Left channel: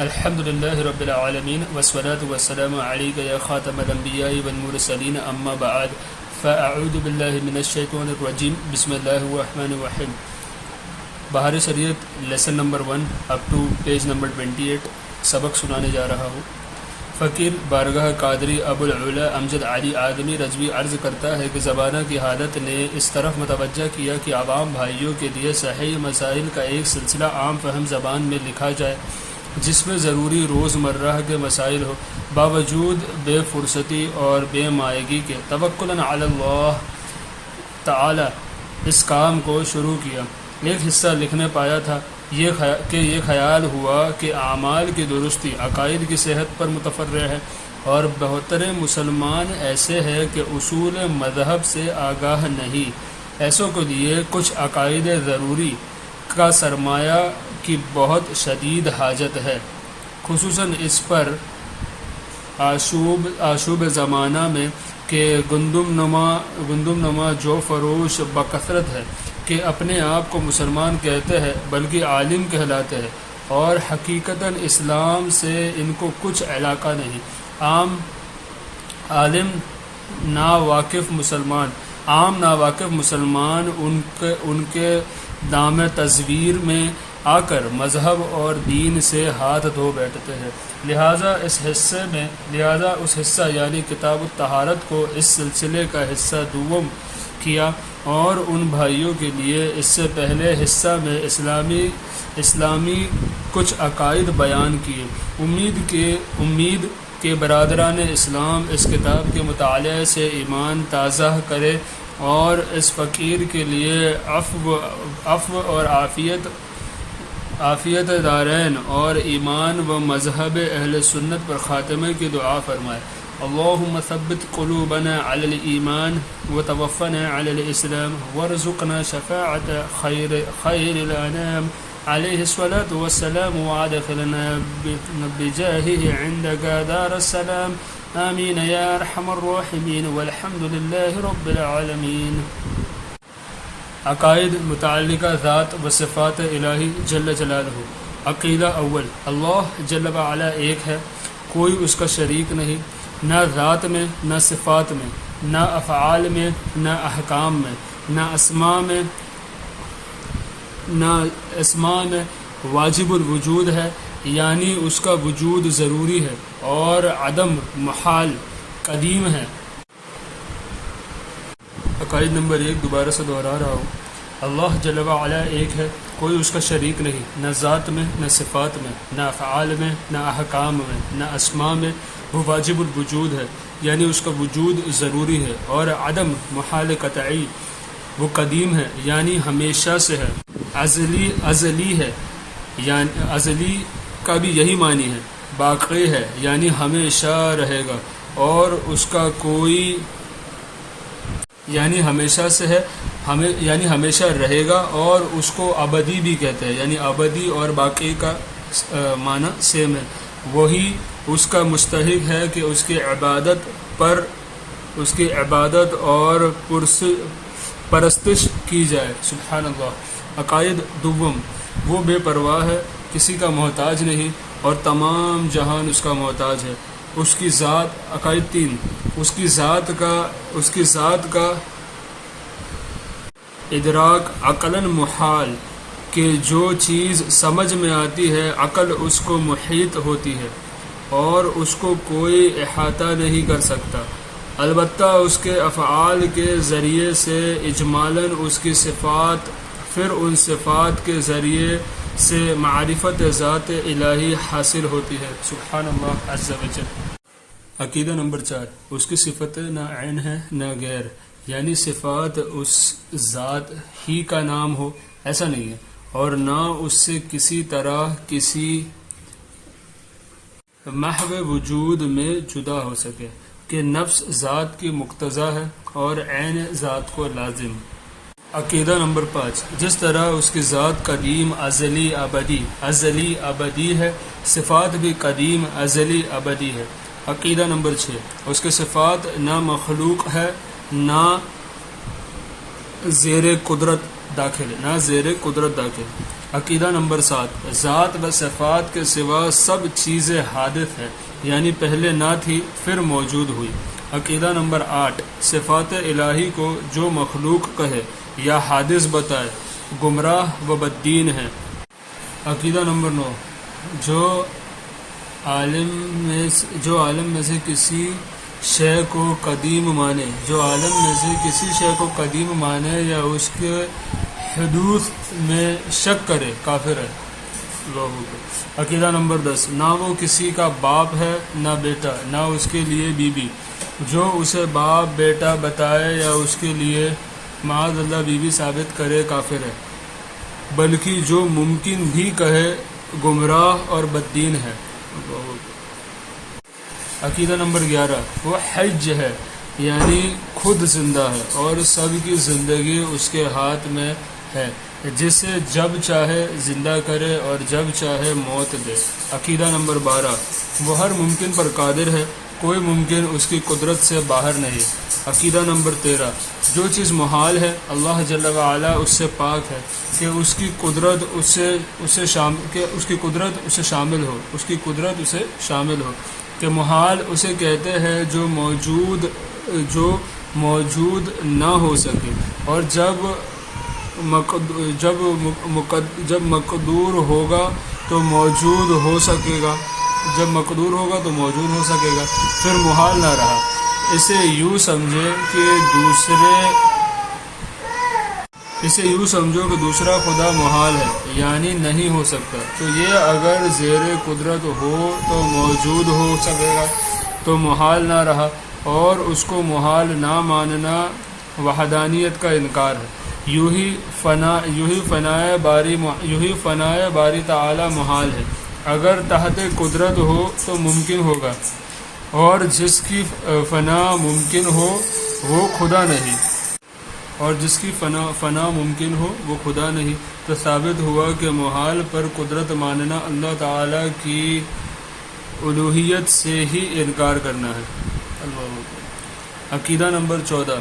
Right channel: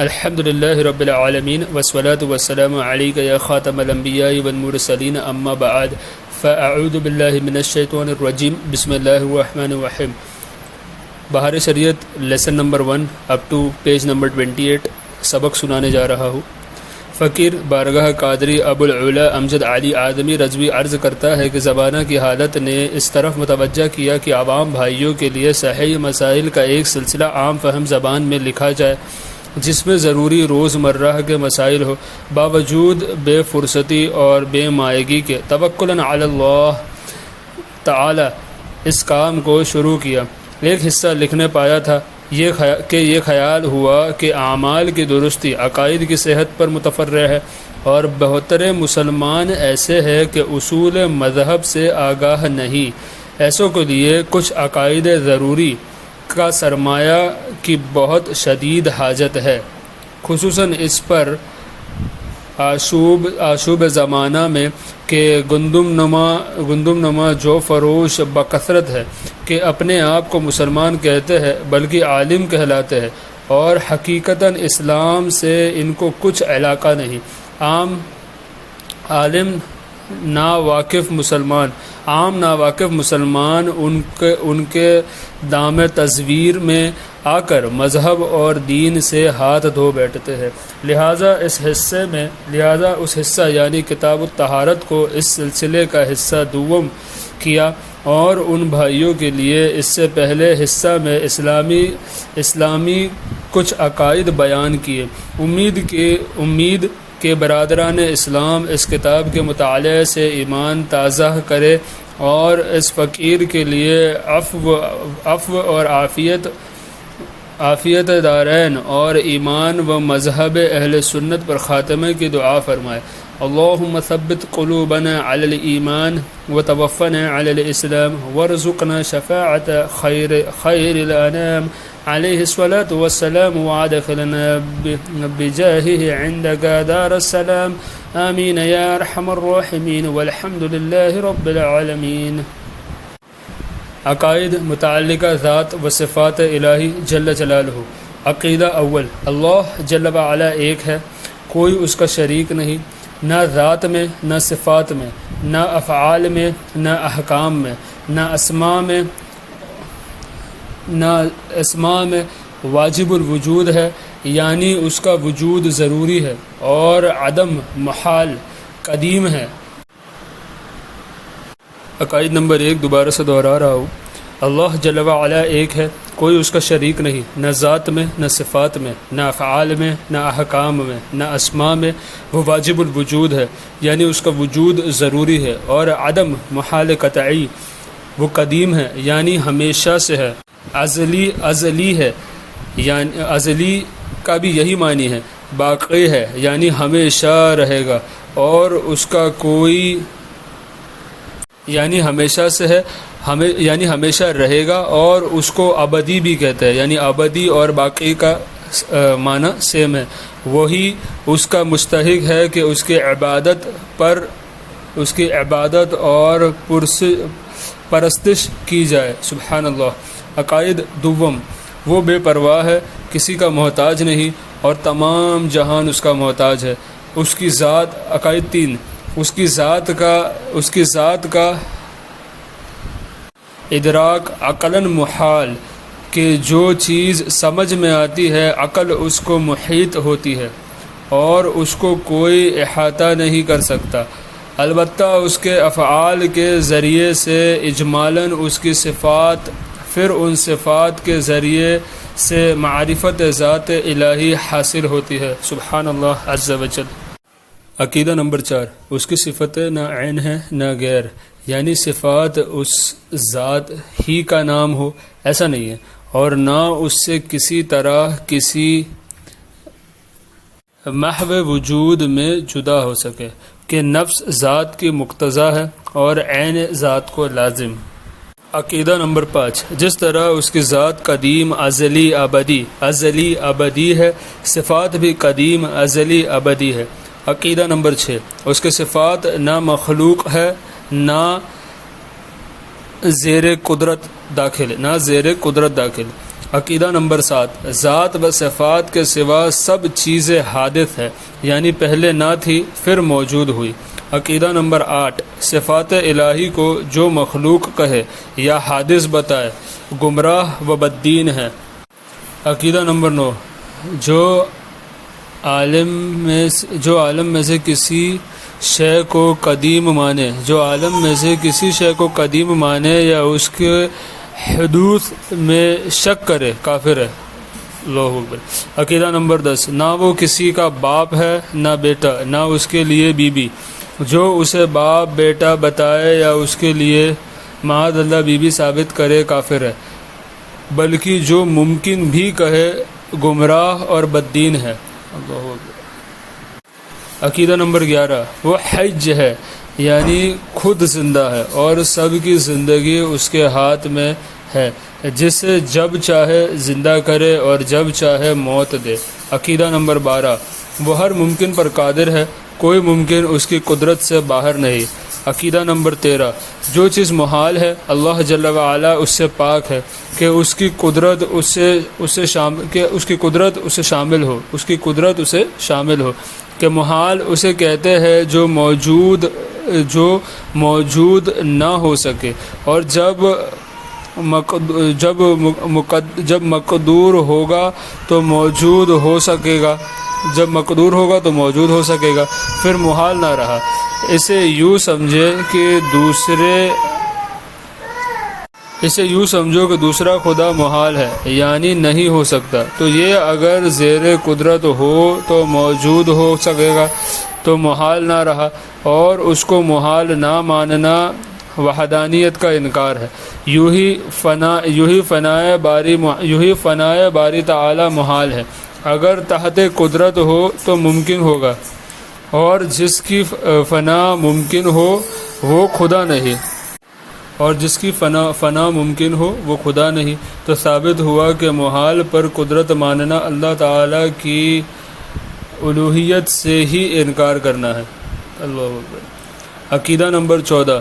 الحمد لله رب العالمين والصلاة والسلام عليك يا خاتم الأنبياء والمرسلين أما بعد فأعوذ بالله من الشيطان الرجيم بسم الله الرحمن الرحيم. Bahar Shariat lesson number 1 up to page number 28 سبق سنانے جا رہا ہوں. فقیر بارگاہ قادری ابو العلا امجد علی آدمی رضوی عرض کرتا ہے کہ زمانہ کی حالت نے اس طرف متوجہ کیا کہ عوام بھائیوں کے لیے صحیح مسائل کا ایک سلسلہ عام فہم زبان میں لکھا جائے جس میں ضروری روزمرہ کے مسائل ہو، باوجود بے فرصتی اور بے مائگی کے. توکلاً علی اللہ تعالی اس کام کو شروع کیا. ایک حصہ لکھنے پایا تھا یہ خیال ہوا کہ اعمال کی درستی عقائد کی صحت پر متفرع ہے، اور بہتر مسلمان ایسے ہیں کہ اصول مذہب سے آگاہ نہیں. ایسوں کے لیے کچھ عقائد ضروری کا سرمایہ کی بہت شدید حاجت ہے، خصوصاً اس پر آشوب زمانہ میں کہ گندم نما جو فروش بکثرت ہے کہ اپنے آپ کو مسلمان کہتے ہیں بلکہ عالم کہلاتے ہیں، اور حقیقتاً اسلام سے ان کو کچھ علاقہ نہیں. عام ناواقف مسلمان ان کے دام تزویر میں آ کر مذہب اور دین سے ہاتھ دھو بیٹھتے ہیں. لہذا اس حصہ یعنی کتاب الطہارت کو اس سلسلے کا حصہ دوم کیا، اور ان بھائیوں کے لیے اس سے پہلے حصہ میں اسلامی کچھ عقائد بیان کیے. امید کہ برادران اسلام اس کتاب کے مطالعے سے ایمان تازہ کرے اور اس فقیر کے لیے عفو اور عافیت دارین اور ایمان و مذہب اہل سنت پر خاتمے کی دعا فرمائے. اللہم ثبت قلوبنا علی الایمان وتوفنا علی الاسلام وارزقنا شفاعت خیر الانام علیہ الصلاة والسلام وادخلنا بجاہہ عندک دار السلام آمین یا ارحم الراحمین والحمد للہ رب العالمین. عقائد متعلقہ ذات و صفات الہی جل جلالہ. عقیدہ اول، اللہ جل وعلا ایک ہے، کوئی اس کا شریک نہیں، نہ ذات میں، نہ صفات میں، نہ افعال میں، نہ احکام میں، نہ اسماء میں. واجب الوجود ہے یعنی اس کا وجود ضروری ہے، اور عدم محال قدیم ہے. عقائد نمبر 1 دوبارہ سے دہرا رہا ہوں. اللہ جل وعلا ایک ہے، کوئی اس کا شریک نہیں، نہ ذات میں، نہ صفات میں، نہ افعال میں، نہ احکام میں، نہ اسماء میں. وہ واجب الوجود ہے یعنی اس کا وجود ضروری ہے، اور عدم محال قطعی. وہ قدیم ہے یعنی ہمیشہ سے ہے. ازلی ہے یعنی ازلی کا بھی یہی معنی ہے. باقی ہے یعنی ہمیشہ رہے گا، اور اس کا کوئی یعنی ہمیشہ سے ہے یعنی ہمیشہ رہے گا، اور اس کو ابدی بھی کہتے ہیں یعنی ابدی اور باقی کا معنی سیم ہے. وہی اس کا مستحق ہے کہ اس کی عبادت اور پرستش کی جائے. سبحان اللہ. عقائد دوم، وہ بے پرواہ ہے، کسی کا محتاج نہیں، اور تمام جہان اس کا محتاج ہے. اس کی ذات. عقائد 3، اس کی ذات کا ادراک عقلاً محال، کہ جو چیز سمجھ میں آتی ہے عقل اس کو محیط ہوتی ہے اور اس کو کوئی احاطہ نہیں کر سکتا. البتہ اس کے افعال کے ذریعے سے اجمالاً اس کی صفات، پھر ان صفات کے ذریعے سے معرفت ذات الہی حاصل ہوتی ہے. سبحان اللہ عز وجل. عقیدہ نمبر 4، اس کی صفتیں نہ عین ہے نہ غیر، یعنی صفات اس ذات ہی کا نام ہو ایسا نہیں ہے، اور نہ اس سے کسی طرح کسی محو وجود میں جدا ہو سکے کہ نفس ذات کی مقتضا ہے اور عین ذات کو لازم. عقیدہ نمبر 5، جس طرح اس کی ذات قدیم ازلی ابدی ہے، صفات بھی قدیم ازلی ابدی ہے. عقیدہ نمبر 6، اس کے صفات نہ مخلوق ہے نہ زیر قدرت داخل. عقیدہ نمبر 7، ذات و صفات کے سوا سب چیزیں حادث ہے، یعنی پہلے نہ تھی پھر موجود ہوئی۔ عقیدہ نمبر 8، صفات الہی کو جو مخلوق کہے یا حادث بتائے گمراہ و بددین ہے۔ عقیدہ نمبر 9، جو عالم میں سے کسی شے کو قدیم مانے یا اس کے حدوث میں شک کرے کافر ہے۔ عقیدہ نمبر 10، نہ وہ کسی کا باپ ہے نہ بیٹا، نہ اس کے لیے بیوی، جو اسے باپ بیٹا بتائے یا اس کے لیے معاذ اللہ بیوی ثابت کرے کافر ہے، بلکہ جو ممکن بھی کہے گمراہ اور بددین ہے۔ عقیدہ نمبر 11، وہ حج ہے، یعنی خود زندہ ہے اور سب کی زندگی اس کے ہاتھ میں ہے، جسے جب چاہے زندہ کرے اور جب چاہے موت دے۔ عقیدہ نمبر 12، وہ ہر ممکن پر قادر ہے، کوئی ممکن اس کی قدرت سے باہر نہیں۔ عقیدہ نمبر 13، جو چیز محال ہے اللہ جل وعلا اس سے پاک ہے کہ اس کی قدرت اسے شامل ہو، کہ محال اسے کہتے ہیں جو موجود نہ ہو سکے، اور جب مقدور ہوگا تو موجود ہو سکے گا، پھر محال نہ رہا۔ اسے یوں سمجھو کہ دوسرا خدا محال ہے، یعنی نہیں ہو سکتا، تو یہ اگر زیر قدرت ہو تو موجود ہو سکے گا، تو محال نہ رہا، اور اس کو محال نہ ماننا وحدانیت کا انکار ہے۔ یوں ہی فنائے باری تعالی محال ہے، اگر تحت قدرت ہو تو ممکن ہوگا، اور جس کی فنا ممکن ہو وہ خدا نہیں، تو ثابت ہوا کہ محال پر قدرت ماننا اللہ تعالی کی الوہیت سے ہی انکار کرنا ہے۔ عقیدہ نمبر 14،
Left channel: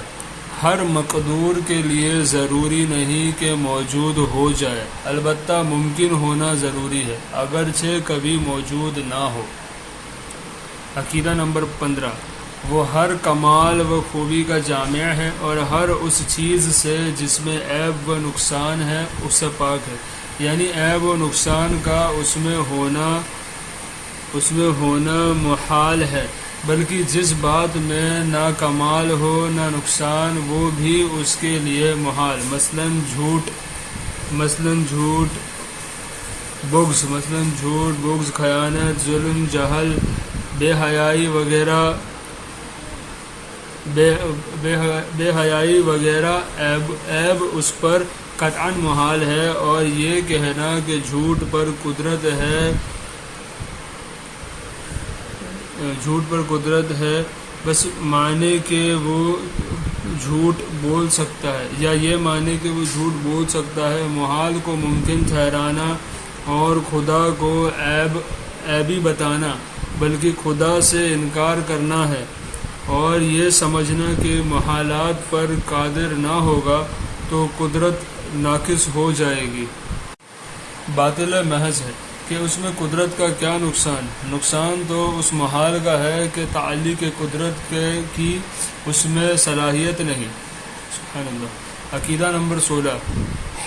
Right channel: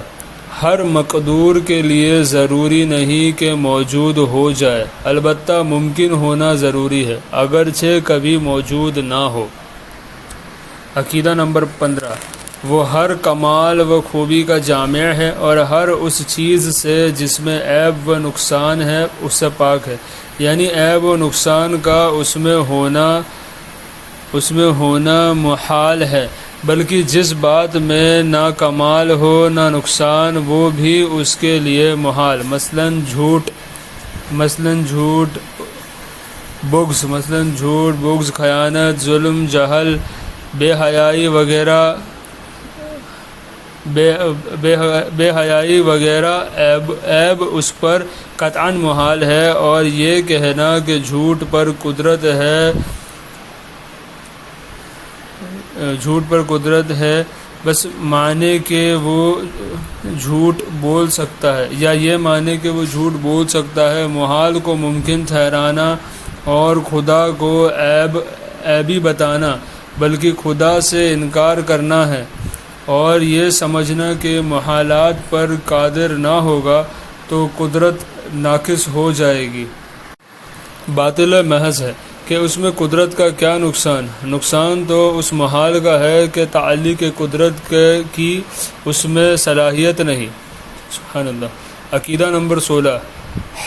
ہر مقدور کے لیے ضروری نہیں کہ موجود ہو جائے، البتہ ممکن ہونا ضروری ہے، اگرچہ کبھی موجود نہ ہو۔ عقیدہ نمبر 15، وہ ہر کمال و خوبی کا جامع ہے اور ہر اس چیز سے جس میں عیب و نقصان ہے اس سے پاک ہے، یعنی عیب و نقصان کا اس میں ہونا محال ہے، بلکہ جس بات میں نہ کمال ہو نہ نقصان وہ بھی اس کے لیے محال، مثلاً جھوٹ، بغض، خیانت، ظلم، جہل، بے حیائی وغیرہ عیب اس پر قطعاً محال ہے، اور یہ کہنا کہ جھوٹ پر قدرت ہے بس مانے کہ وہ جھوٹ بول سکتا ہے، یا یہ مانے کہ وہ جھوٹ بول سکتا ہے، محال کو ممکن ٹھہرانا اور خدا کو عیبی بتانا بلکہ خدا سے انکار کرنا ہے، اور یہ سمجھنا کہ محالات پر قادر نہ ہوگا تو قدرت ناقص ہو جائے گی، باطل محض ہے کہ اس میں قدرت کا کیا نقصان تو اس محال کا ہے کہ تعلق قدرت کی اس میں صلاحیت نہیں۔ سبحان اللہ۔ عقیدہ نمبر 16،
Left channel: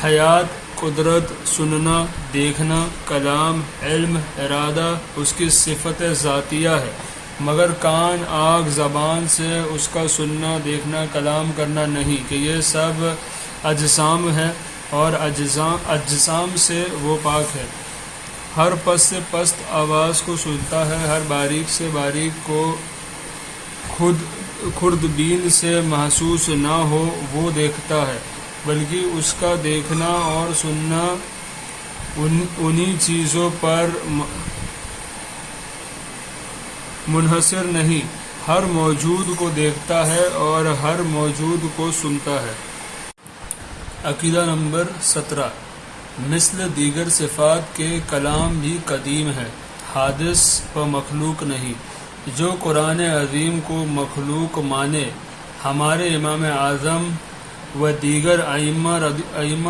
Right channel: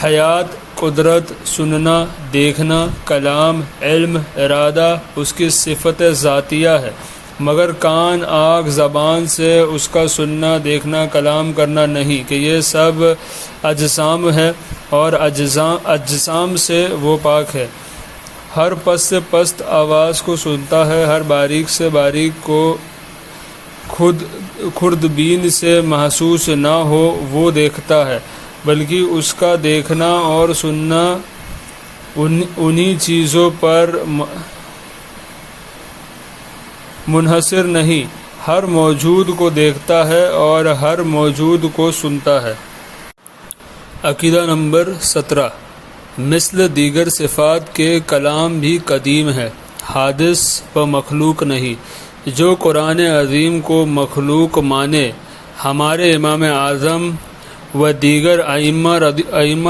حیات، قدرت، سننا، دیکھنا، کلام، علم، ارادہ اس کی صفت ذاتیہ ہے، مگر کان، آنکھ، زبان سے اس کا سننا، دیکھنا، کلام کرنا نہیں، کہ یہ سب اجسام ہے اور اجسام سے وہ پاک ہے۔ ہر پست سے پست آواز کو سنتا ہے، ہر باریک سے باریک کو خوردبین سے محسوس نہ ہو وہ دیکھتا ہے، بلکہ اس کا دیکھنا اور سننا انہی چیزوں پر منحصر نہیں، ہر موجود کو دیکھتا ہے اور ہر موجود کو سنتا ہے۔ عقیدہ نمبر 17، مثل دیگر صفات کے کلام بھی قدیم ہے، حادث و مخلوق نہیں۔ جو قرآن عظیم کو مخلوق مانے، ہمارے امام اعظم و دیگر ائمہ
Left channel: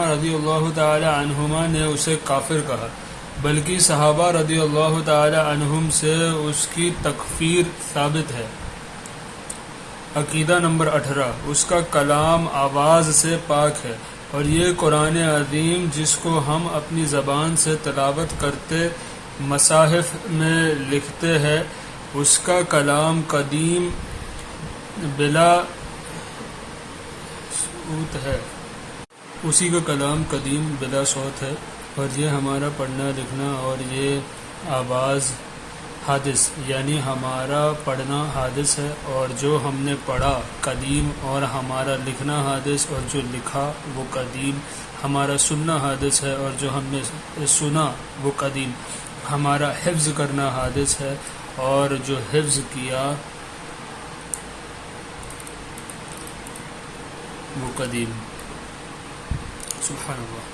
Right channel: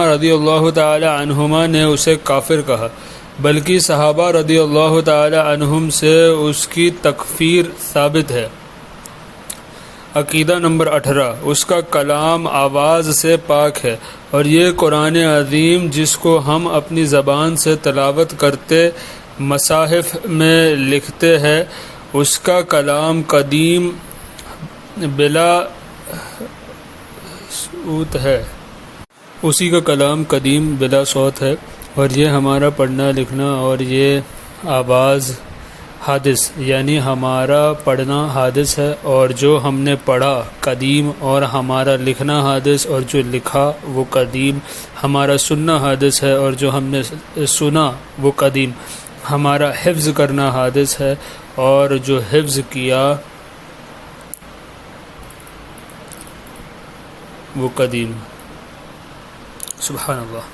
رضی اللہ تعالی عنہما نے اسے کافر کہا، بلکہ صحابہ رضی اللہ تعالی عنہم سے اس کی تکفیر ثابت ہے۔ عقیدہ نمبر 18، اس کا کلام آواز سے پاک ہے، اور یہ قرآن عظیم جس کو ہم اپنی زبان سے تلاوت کرتے مصاحف میں لکھتے ہیں، اس کا کلام قدیم بلا صوت ہے، اسی کا کلام قدیم بلا صوت ہے، اور یہ ہمارا پڑھنا لکھنا اور یہ آواز حادث، یعنی ہمارا پڑھنا حادث ہے، اور جو ہم نے پڑھا قدیم، اور ہمارا لکھنا حادث، اور جو لکھا وہ قدیم، ہمارا سننا حادث ہے، اور جو ہم نے سنا وہ قدیم، ہمارا حفظ کرنا حادث ہے، اور جو حفظ کیا وہ قدیم۔ سبحان اللہ۔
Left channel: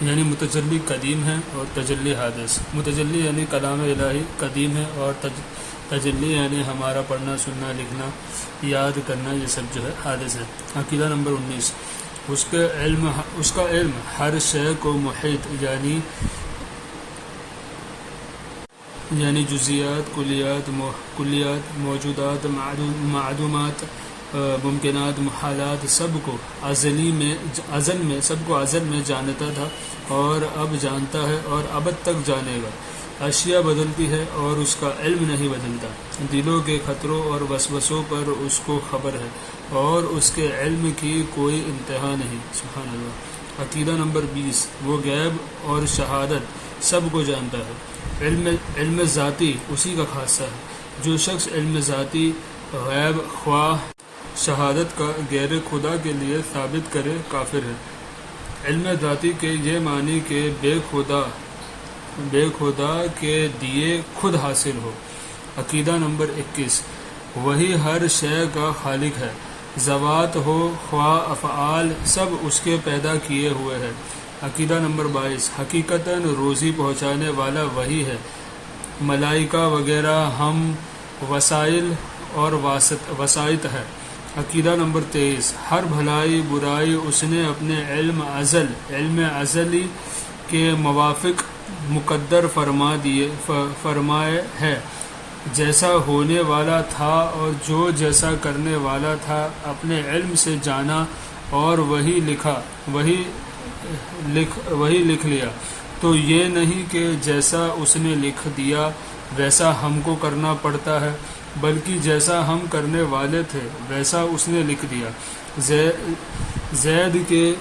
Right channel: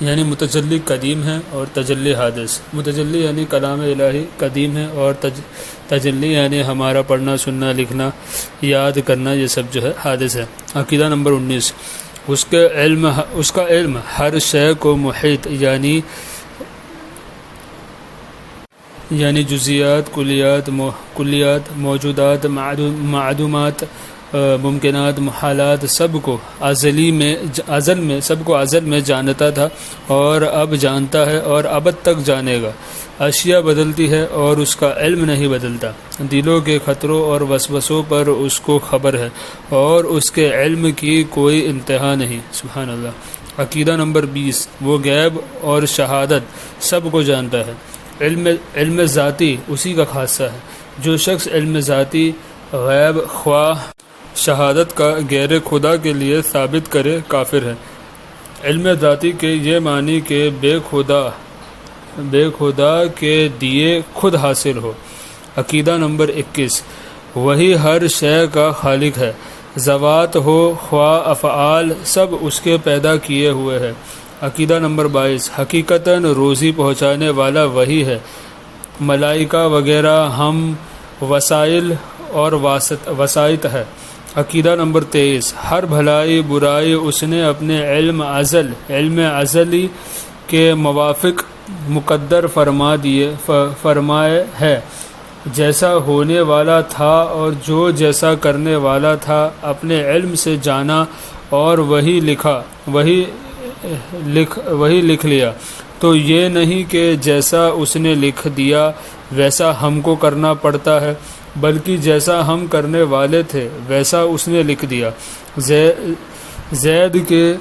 یعنی متجلی قدیم ہے اور تجلی حادث۔ متجلی یعنی کلام الہی قدیم ہے، اور تجلی یعنی ہمارا پڑھنا سننا لکھنا یاد کرنا، یہ سب جو ہے حادث ہے۔ عقیدہ نمبر 19، اس کا علم ہر شے کو محیط یعنی جزیات، کلیات، موجودات، معدومات، ممکنات، محالات، سب کو ازل میں جانتا تھا، اور اب جانتا ہے، اور ابد تک جانے گا۔ اشیاء بدلتی ہے اور اس کا علم نہیں بدلتا۔ دلوں کے خطروں اور وسوسوں پر اس کو خبر ہے، اور اس کے علم کی کوئی انتہا نہیں۔ سبحان اللہ۔ عقیدہ نمبر 20، وہ غیب اور شہادت سب کو جانتا ہے۔ علم ذاتی اسی کا خاصہ ہے۔ جو شخص علم ذاتی، غیب، خواہ شہادت کا غیر خدا کے لیے ثابت کرے، کافر ہے۔ علم ذاتی کے یہ معنی کہ بے خدا کے دیے خود حاصل ہو۔ عقیدہ نمبر 21، وہی ہر شے کا خالق ہے، ذوات ہو خواہ افعال سب اس کے پیدا کیے ہوئے ہے۔ عقیدہ نمبر 22، حقیقتاً روزی پہنچانے والا وہی ہے، ملائکہ وغیرہ ہم وسائل اور وسائط ہے۔ عقیدہ نمبر 23، ہر بھلائی برائی اس نے اپنے علم ازلی کے موافق مقدر فرمائے ہے۔ جیسا ہونے والا تھا اور جو جیسا کرنے والا تھا اپنے علم سے جانا، اور وہی لکھ لیا۔ تو یہ نہیں کہ جیسا اس نے لکھ دیا ویسا ہم کو کرنا پڑتا ہے، بلکہ جیسا ہم کرنے والے تھے ویسا اس نے لکھ دیا۔ زید کے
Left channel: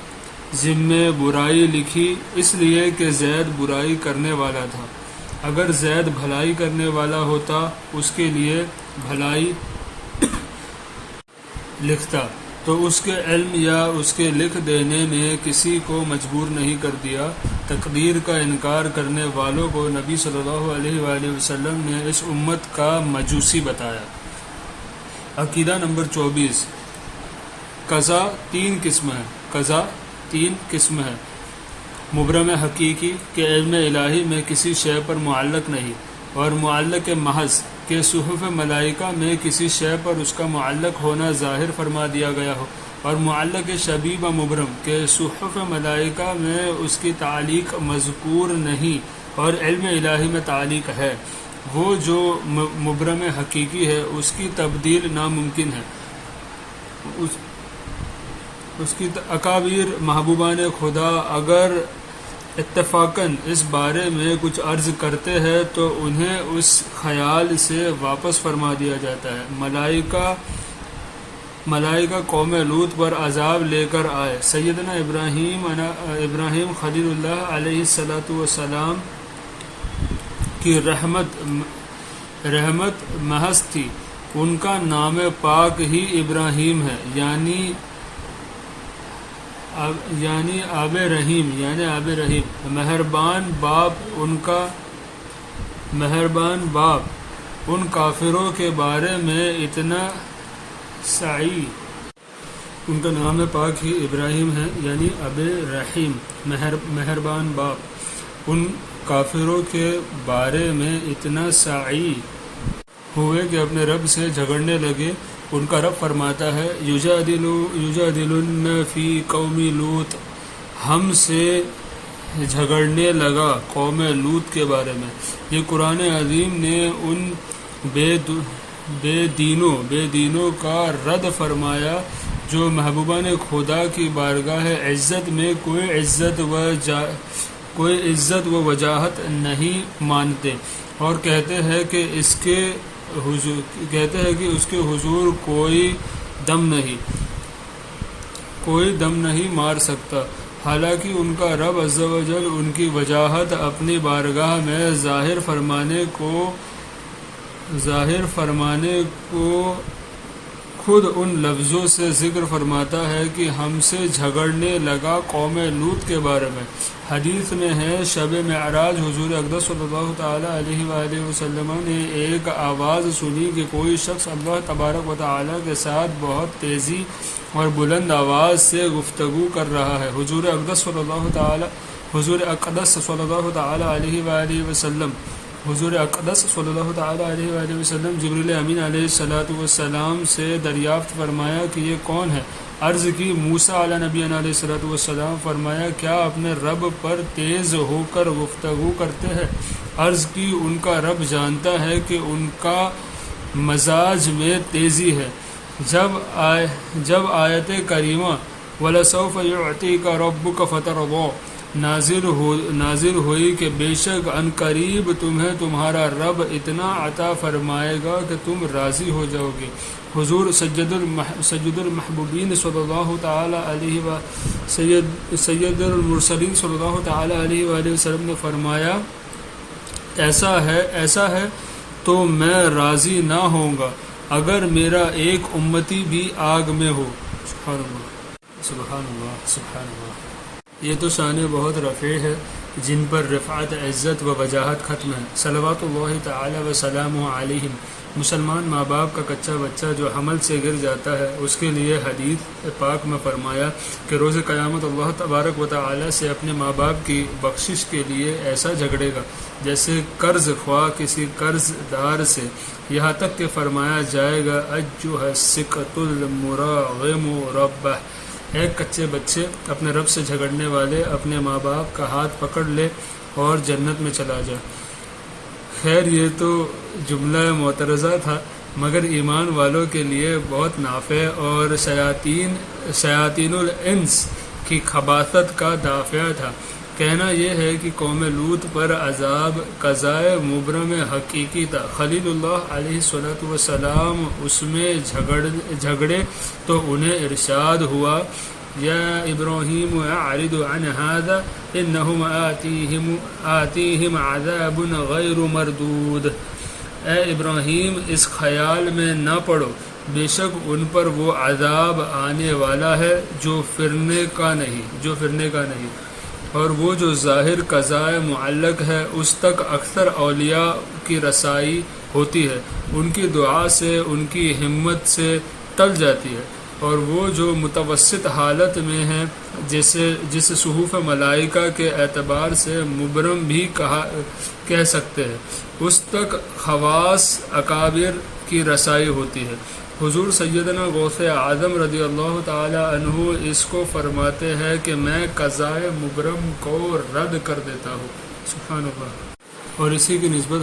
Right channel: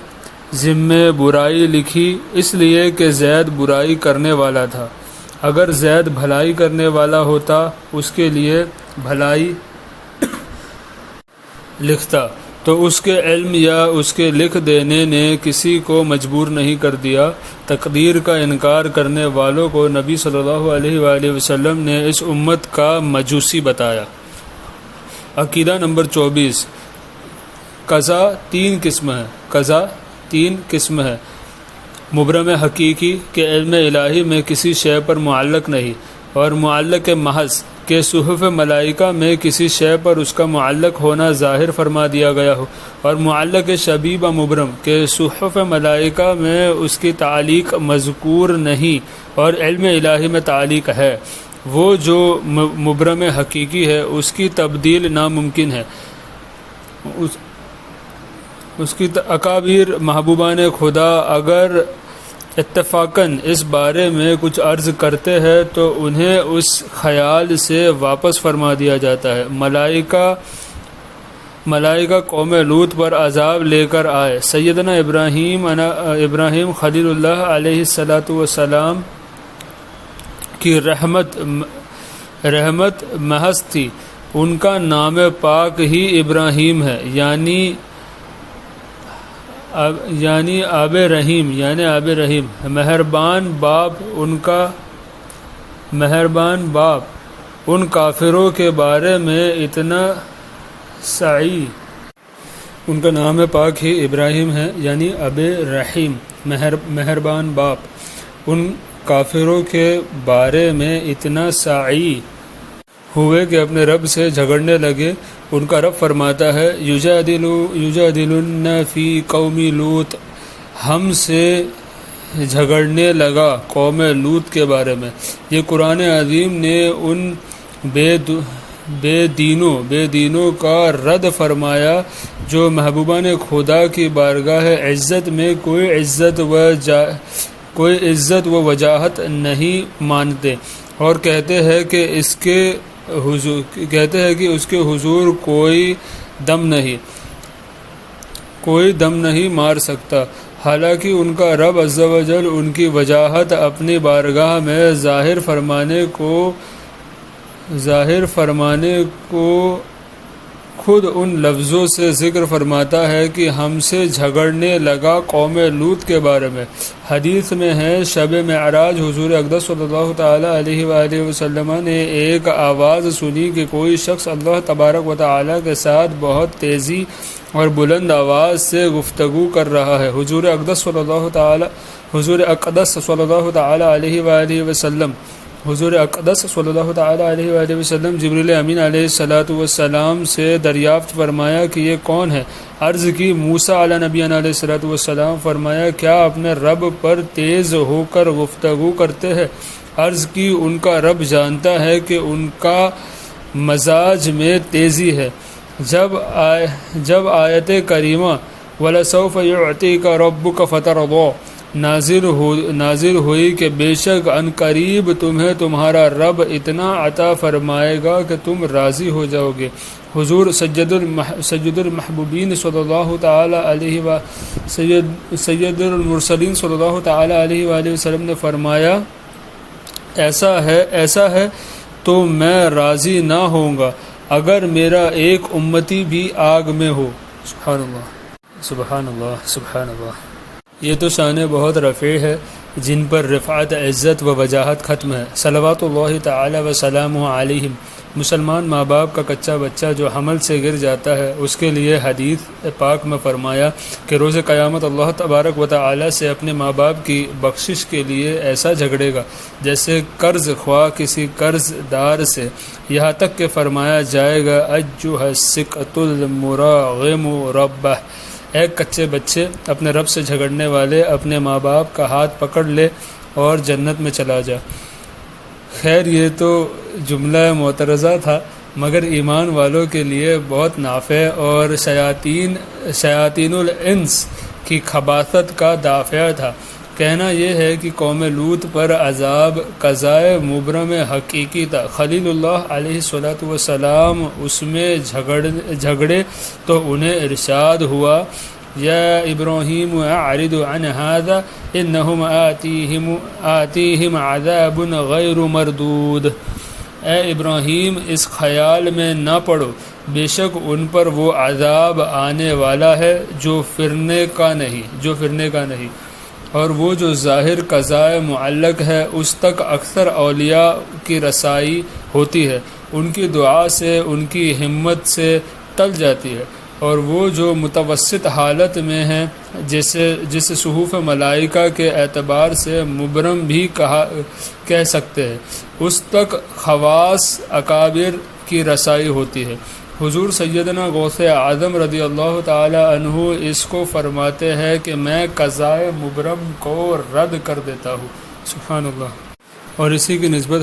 ذمے برائی لکھی اس لیے کہ زید برائی کرنے والا تھا۔ اگر زید بھلائی کرنے والا ہوتا اس کے لیے بھلائی لکھتا، تو اس کے علم یا اس کے لکھ دینے نے کسی کو مجبور نہیں کر دیا۔ تقدیر کا انکار کرنے والوں کو نبی صلی اللہ علیہ وآلہ وسلم نے اس امت کا مجوسی بتایا۔ عقیدہ نمبر 24، قضا تین قسم ہے۔ مبرم حقیقی کہ علم الہی میں کسی شے پر معلق نہیں، اور معلق محض کہ صحف ملائکہ میں کسی شے پر اس کا معلق ہونا ظاہر فرما دیا گیا ہو، اور معلق شبیب مبرم کہ صحف ملائکہ میں اس کی تعلیق مذکور نہیں اور علم الہی میں تعلیق ہے۔ وہ جو مبرم حقیقی ہے اس کی تبدیل ناممکن ہے۔ اس کی اکابر محبوبان خدا اگر اتفاقاً اس بارے میں کچھ عرض کرتے ہیں تو انہیں اس خیال سے واپس فرما دیا جاتا ہے۔ ملائکہ قوم لوط پر عذاب لے کر آئے۔ سیدنا ابراہیم خلیل اللہ علیہ السلام کی رحمت محض تھی، ان کا نام پاک ہی ابراہیم ہے، یعنی آب رحیم، مہربان باپ ان کافروں کے بارے میں اتنا سعی، ان کا نام پاک ہی ابراہیم ہے، یعنی آب رحیم، مہربان باپ ان کافروں کے بارے میں اتنا سعی ہوئے کہ اپنے رب سے جھگڑنے لگے ان کا رب فرماتا ہے یجادلن فی قوم لوط، ہم سے جھگڑنے لگا قوم لوط کے بارے میں۔ یہ قرآن عظیم نے ان بے دینوں کا رد فرمایا جو محبوبان خدا کی بارگاہ عزت میں کوئی عزت و وجاہت نہیں مانتے، اور کہتے ہیں کہ اس کے حضور کوئی دم نہیں مار سکتا، حالانکہ ان کا رب عز و جل ان کی وجاہت اپنی بارگاہ میں ظاہر فرمانے کو خود ان لفظوں سے ذکر فرماتا ہے کہ ہم سے جھگڑنے لگا قوم لوط کے بارے میں۔ حدیث میں ہے شب معراج حضور اقدس صلی اللہ تعالی علیہ وآلہ وسلم نے ایک آواز سنی کہ کوئی شخص اللہ تبارک و تعالی کے ساتھ بہت تیزی اور بلند آواز سے گفتگو کر رہا ہے۔ حضور اقدس صلی اللہ تعالی علیہ وآلہ وسلم جبریل امین علیہ السلام سے دریافت فرمایا کہ یہ کون ہے؟ عرض کی موسیٰ علیہ نبی علیہ السلام۔ فرمایا کیا اپنے رب پر تیز ہو کر گفتگو کرتے ہیں؟ عرض کی ان کا رب جانتا ہے کہ ان کا مزاج میں تیزی ہے۔ جب آیت کریمہ وَلَسَوْفَ يُعْطِيكَ رَبُّكَ فَتَرْضَىٰ نازل ہوئی کہ بے شک ان قریب تمہیں تمہارا رب اتنا عطا فرمائے گا کہ تم راضی ہو جاؤ گے۔ حضور سید المحبوبین صلی اللہ تعالی علیہ سید المرسلین صلی اللہ تعالی علیہ وآلہ وسلم نے فرمایا ایسا ہے تو میں راضی نہ ہوں گا اگر میرا ایک امتی بھی آگ میں ہو۔ سبحان اللہ سبحان اللہ سبحان اللہ۔ یہ تو شان بہت رفیع ہے جن پر رفعت عزت و وجاہت ختم ہے۔ صلوات اللہ تعالی وسلامہ علیہم۔ مسلمان ماں باپ کا کچا بچہ جو حمل سے گر جاتا ہے اس کے لیے حدیث پاک میں فرمایا کہ روز قیامت اللہ تبارک و تعالی سے اپنے ماں باپ کی بخشش کے لیے ایسا جھگڑے گا جیسے قرض خواہ کسی قرض دار سے، یہاں تک کہ فرمایا جائے گا ایھا السکۃ المراغم ربہ، اے کچے بچے اپنے رب سے جھگڑنے والے اپنے ماں باپ کا ہاتھ پکڑ لے اور جنت میں چلا جا۔ خیر یہ تو جملہ معترضہ تھا مگر ایمان والوں کے لیے بہت نافع اور شیاطین الانس کی خباثت کا دافع تھا۔ کہنا یہ ہے کہ قوم لوط پر عذاب قضائے مبرم حقیقی تھا۔ خلیل اللہ علیہ السلام اس میں جھگڑے تو انہیں ارشاد ہوا یا ابراہیم اعرض عن هذا انہم آتیہم عذاب غیر مردود، اے ابراہیم اس خیال میں نہ پڑو، بے شک ان پر وہ عذاب آنے والا ہے جو پھرنے کا نہیں، اور وہ جو ظاہر قضائے معلق ہے اس تک اکثر اولیاء کی رسائی ہوتی ہے، ان کی دعا سے ان کی ہمت سے ٹل جاتی ہے، اور وہ جو متوسط حالت میں ہے جسے صحف ملائکہ کے اعتبار سے مبرم بھی کہہ سکتے ہیں، اس تک خواص اکابر کی رسائی ہوتی ہے۔ حضور سیدنا غوث اعظم رضی اللہ تعالی عنہ اس کو فرماتے ہیں کہ میں قضائے مبرم کو رد کر دیتا ہوں۔ سبحان اللہ۔ اور اسی کی نسبت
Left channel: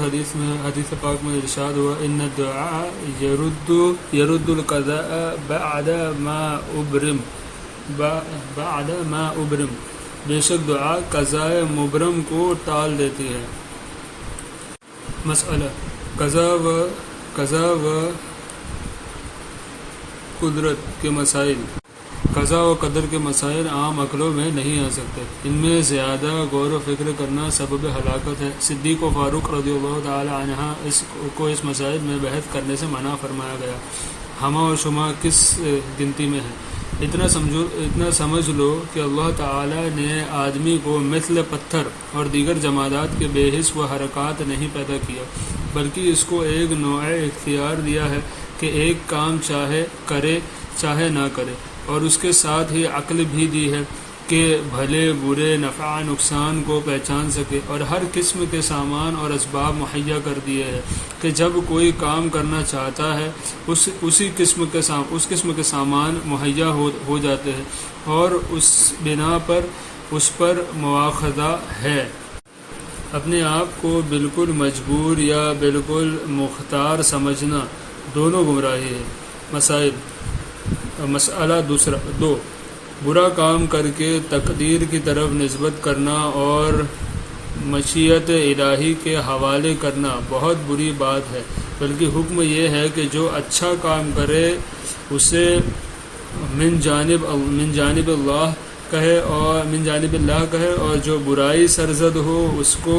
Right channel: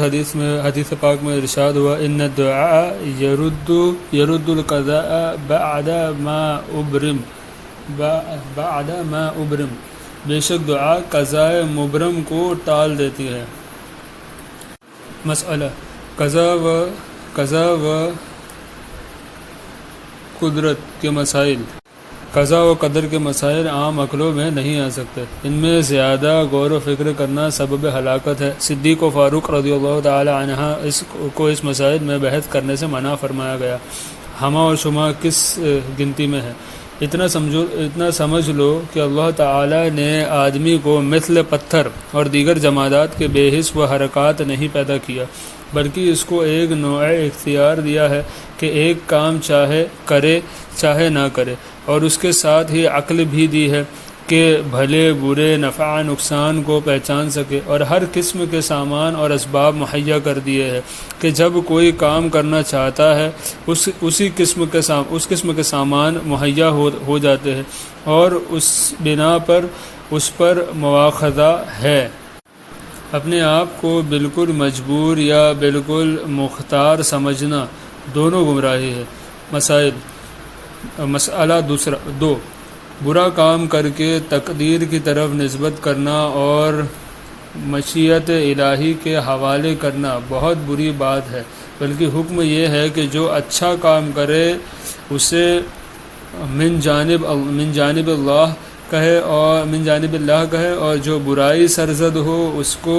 حدیث پاک میں ارشاد ہوا ان الدعاء يرد القضاء بعد ما ابرم، بے شک دعا قضائے مبرم کو ٹال دیتی ہے۔ مسئلہ قضا و قدرت کے مسائل۔ قضا و قدر کے مسائل عام عقلوں میں نہیں آ سکتے، ان میں زیادہ غور و فکر کرنا سبب ہلاکت ہے۔ صدیق و فاروق رضی اللہ تعالی عنہ کو اس مسائل میں بحث کرنے سے منع فرمایا گیا۔ ہما اور شما کس گنتی میں ہے؟ اتنا سمجھ لو کہ اللہ تعالی نے آدمی کو مثل پتھر اور دیگر جمادات کے بے حس و حرکات نہیں پیدا کیا، بلکہ اس کو ایک نوع اختیار دیا ہے کہ ایک کام چاہے کرے چاہے نہ کرے، اور اس کے ساتھ ہی عقل بھی دی ہے کے بھلے برے نفع نقصان کو پہچان سکے، اور ہر قسم کے سامان اور اسباب مہیا کر دیے ہیں کہ جب کوئی کام کرنا چاہتا ہے اس قسم کے سامان مہیا ہو جاتے ہیں، اور اس بنا پر اس پر مواخذہ ہے۔ اپنے آپ کو بالکل مجبور یا بالکل مختار سمجھنا دونوں گمراہی ہے۔ مسئلہ دوسرا 2، برا کام کر کے تقدیر کی طرف نسبت کرنا اور مشیت الہی کے حوالے کرنا بہت بری بات ہے، بلکہ حکم یہ ہے کہ جو اچھا کام کرے اسے من جانب اللہ کہے، اور جو برائی سرزد ہو اس کو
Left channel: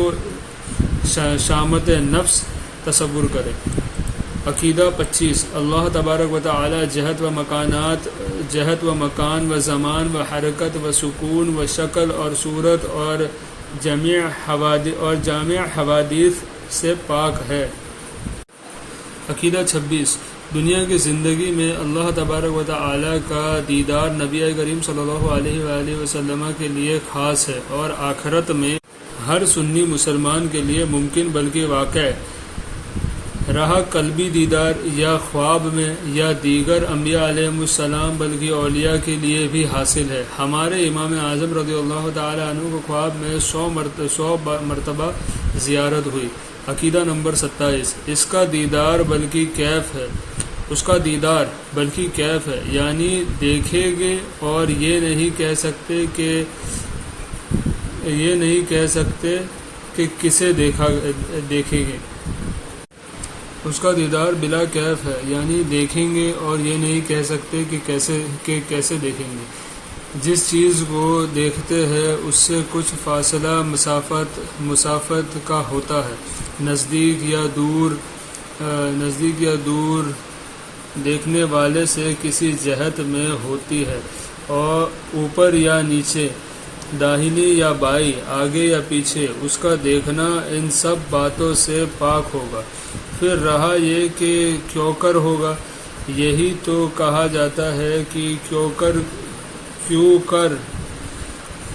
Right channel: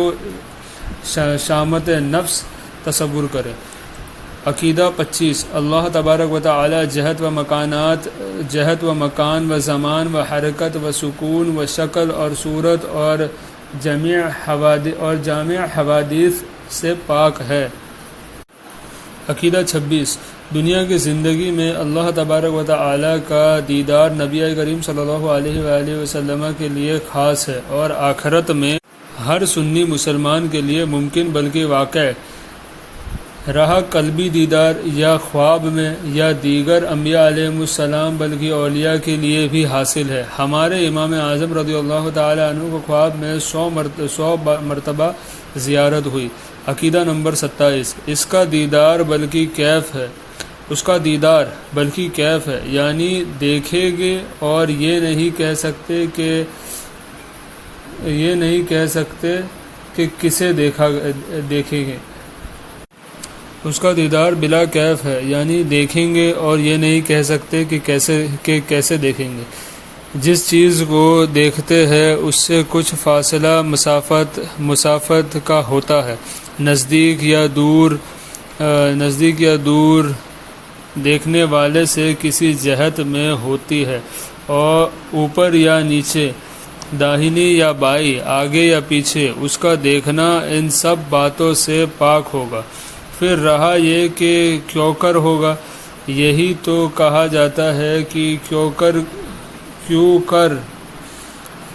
شامت نفس تصور کرے۔ عقیدہ 25 اللہ تبارک و تعالی جہت و مکان و زمان و حرکت و سکون و شکل اور صورت اور جامع حوادث سے پاک ہے۔ عقیدہ 26 دنیا کی زندگی میں اللہ تبارک و تعالی کا دیدار نبی کریم صلی اللہ علیہ وآلہ وسلم کے لیے خاص ہے، اور آخرت میں ہر سنی مسلمان کے لیے ممکن بلکہ واقع رہا قلبی دیدار یا خواب میں یا دیگر انبیاء علیہ السلام بلکہ اولیاء کے لیے بھی حاصل ہے۔ ہمارے امام اعظم رضی اللہ تعالی عنہ کو خواب میں 100 مرتبہ زیارت ہوئی۔ عقیدہ نمبر 27 اس کا دیدار بلکہ کیف ہے، یعنی دیکھیں گے اور یہ نہیں کہہ سکتے کہ کسے دیکھیں گے۔ اس کا دیدار بلا کیف ہے، یعنی دیکھیں گے اور یہ نہیں کہہ سکتے کہ کیسے دیکھیں گے۔ جس چیز کو دیکھتے ہیں اس سے کچھ فاصلہ مسافت کا ہوتا ہے، نزدیک یا دور دیکھنے والے سے کسی جہت میں ہوتی ہے، اور اوپر یا نیچے، داہنی یا بائیں، آگے یا پیچھے، اس کا دیکھنا ان سب باتوں سے پاک ہوگا۔ پھر رہا یہ کہ کیوں کر ہوگا، یہی تو کہا جاتا ہے کہ کیوں کر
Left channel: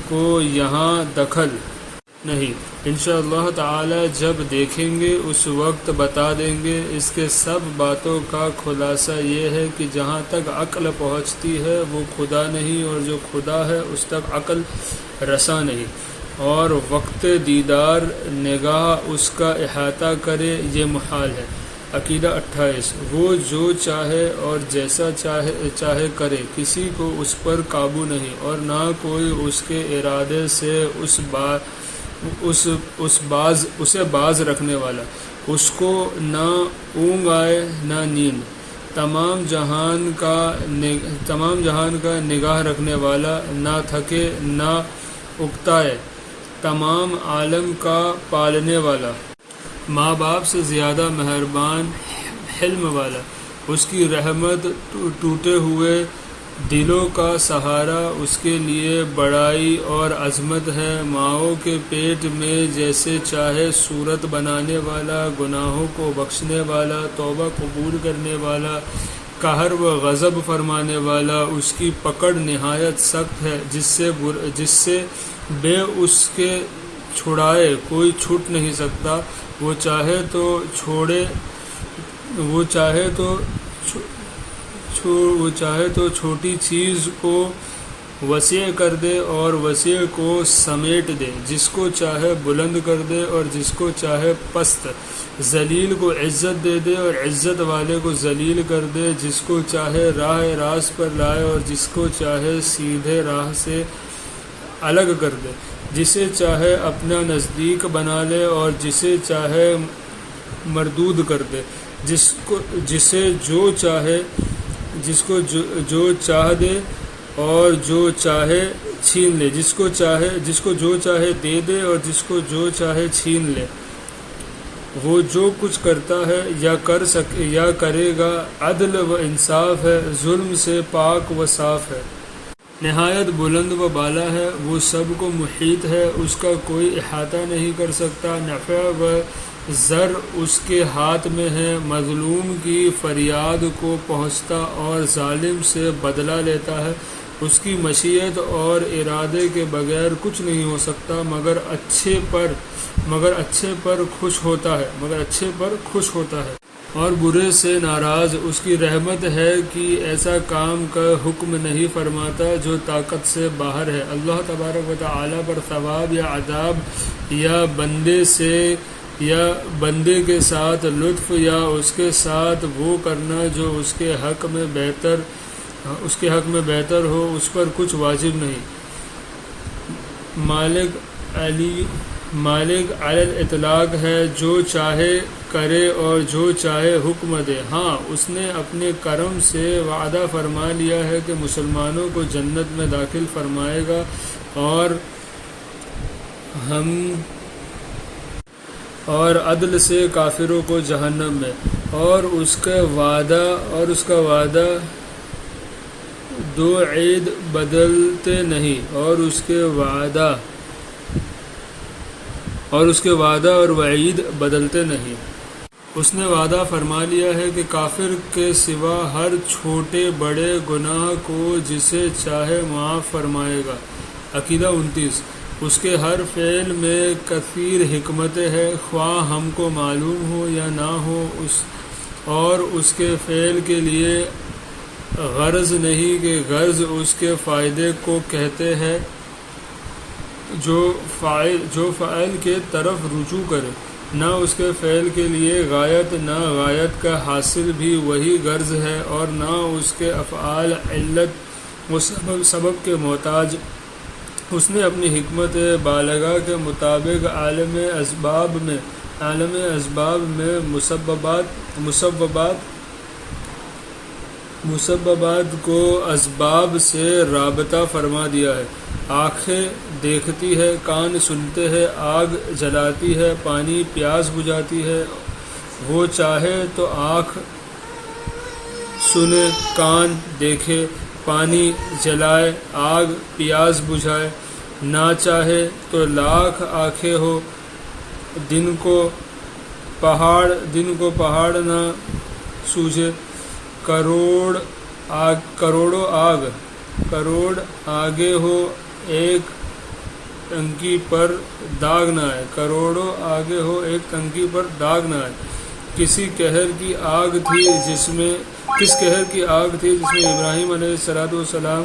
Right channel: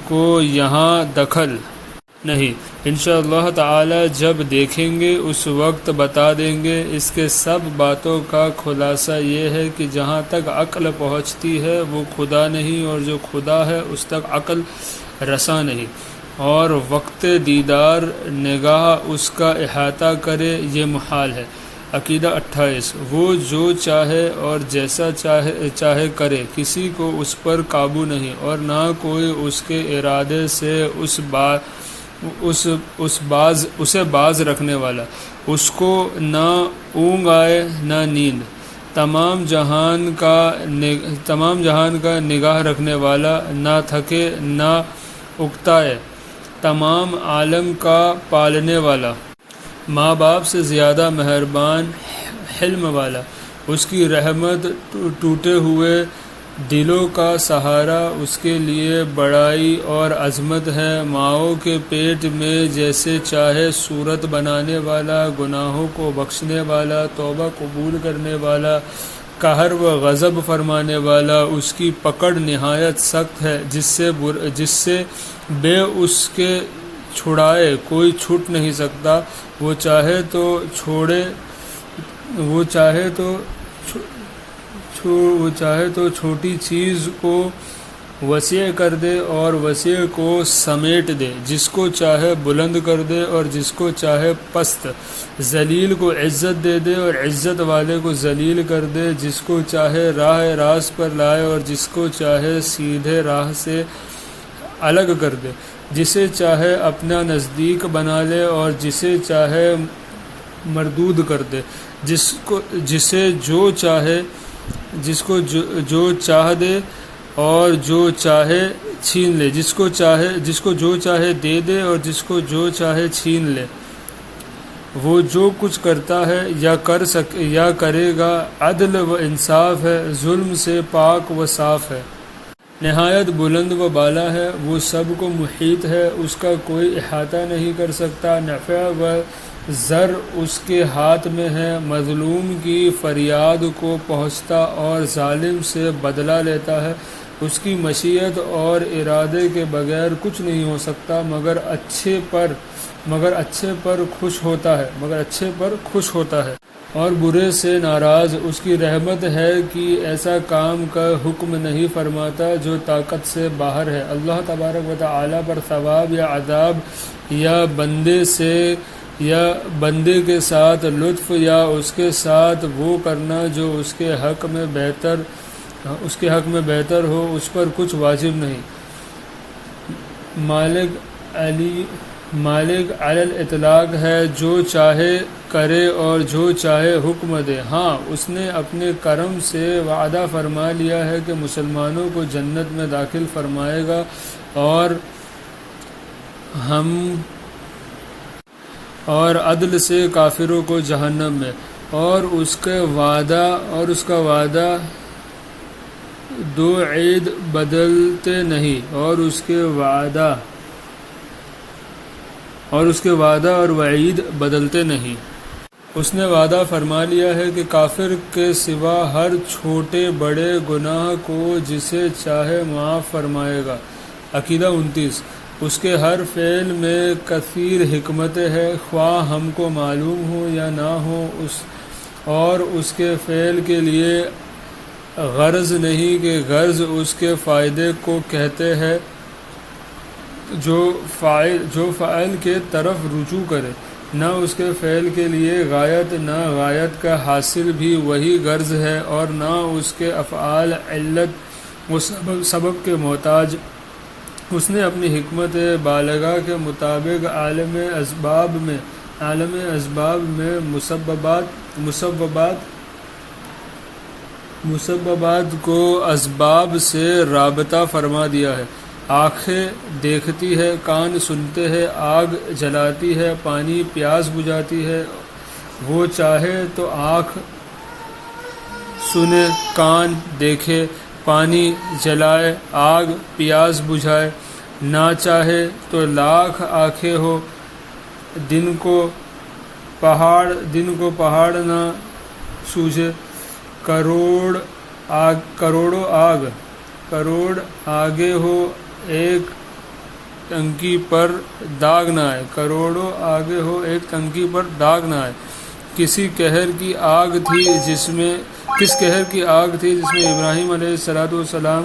کو یہاں دخل نہیں۔ انشاءاللہ تعالی جب دیکھیں گے اس وقت بتا دیں گے۔ اس کے سب باتوں کا خلاصہ یہ ہے کہ جہاں تک عقل پہنچتی ہے وہ خدا نہیں، اور جو خدا ہے اس تک عقل رساں نہیں، اور وقت دیدار نگاہ اس کا احاطہ کرے یہ محال ہے۔ عقیدہ 28 وہ جو چاہے اور جیسا چاہے کرے، کسی کو اس پر قابو نہیں، اور نہ کوئی اس کے ارادے سے اسے باز رکھنے والا، اس کو نہ اونگ آئے نہ نیند، تمام جہان کا نگاہ رکھنے والا، نہ تھکے نہ اکتائے، تمام عالم کا پالنے والا، ماں باپ سے زیادہ مہربان، حلم والا، اس کی رحمت ٹوٹے ہوئے دلوں کا سہارا، اس کے لیے بڑائی اور عظمت ہے، ماؤں کے پیٹ میں جیسے چاہے صورت بنانے والا، گناہوں کو بخشنے والا، توبہ قبول کرنے والا، قہر و غضب فرمانے والا، اس کی پکڑ نہایت سخت ہے، جس سے بے اس کے چھڑائے کوئی چھوٹ نہیں سکتا، وہ چاہے تو چھوٹی چیز کو وسیع کر دے اور وسیع کو سمیٹ دے، جس کو چاہے بلند کر دے اور جس کو چاہے پست، ذلیل کو عزت دے دے اور عزت والے کو ذلیل کر دے، جس کو چاہے راہ راست پر لائے اور جس کو چاہے سیدھے راہ سے الگ کر دے، جسے چاہے اپنا نزدیک بنا لے اور جسے چاہے مردود کر دے، جس کو جو چاہ دے اور جو چاہے چھین لے، جس کو جو چاہے دے دے اور جس کو جو چاہے چھین لے۔ وہ جو کچھ کرتا ہے یا کرے گا عدل و انصاف ہے، ظلم سے پاک و صاف ہے، نہایت بلند و بالا ہے، وہ سب کو محیط ہے، اس کا کوئی احاطہ نہیں کر سکتا، نفع و ضر اس کے ہاتھ میں ہے، مظلوم کی فریاد کو پہنچتا اور ظالم سے بدلہ لیتا ہے، اس کی مشیت اور ارادے کے بغیر کچھ نہیں ہو سکتا مگر اچھے پر خوش ہوتا ہے اور برے سے ناراض۔ اس کی رحمت ہے کہ ایسا کام کا حکم نہیں فرماتا جو طاقت سے باہر ہے۔ اللہ تبارک و تعالی پر ثواب یا عذاب یا بندے کے ساتھ لطف یا اس کے ساتھ وہ کرنا جو اس کے حق میں بہتر ہو، اس پر کچھ واجب نہیں۔ مالک علی الاطلاق ہے، جو چاہے کرے اور جو چاہے حکم دے۔ ہاں، اس نے اپنے کرم سے وعدہ فرما لیا ہے کہ مسلمانوں کو جنت میں داخل فرمائے گا اور عدل سے کافروں کو جہنم میں، اور اس کا وعدہ دو عید بدلتے نہیں، اور اس کے وعدہ اور وعید بدلتے نہیں۔ اس نے وعدہ فرما لیا ہے کہ کافر کے سوا ہر چھوٹے بڑے گناہ کو جسے چاہے معاف فرمائے گا۔ عقیدہ 29۔ اس کے ہر فعل میں کثیر حکمت ہے، خواہ ہم کو معلوم ہو یا نہ ہو، اور اس کے فعل کے لیے غرض نہیں کہ غرض اس کے فائدے کو کہتے ہیں، جو فاعل کے طرف رجوع کرے، نہ اس کے فعل کے لیے غایت، نہ غایت کا حاصل بھی وہی غرض ہے، اور نہ اس کے افعال علت و سبب کے محتاج۔ اس نے اپنی حکمت بالغہ کے مطابق عالم اسباب میں مسببات کو اسباب سے رابطہ فرما دیا ہے۔ آنکھیں دیکھتی ہے، کان سنتے ہیں، آگ جلاتی ہے، پانی پیاس بجھاتی ہے۔ وہ چاہے تو آنکھ سنے، کان دیکھے، پانی جلائے، آگ پیاس بجھائے، نہ چاہے تو لاکھ آنکھیں ہو، دن کو پہاڑ نہ سوجھے، کروڑ آگے ہو ایک ٹنکی پر داغ نہ آئے، کروڑوں آگے ہو ایک ٹنکی پر داغ نہ آئے۔ کس قہر کی آگ تھی جس میں ابراہیم علیہ السلام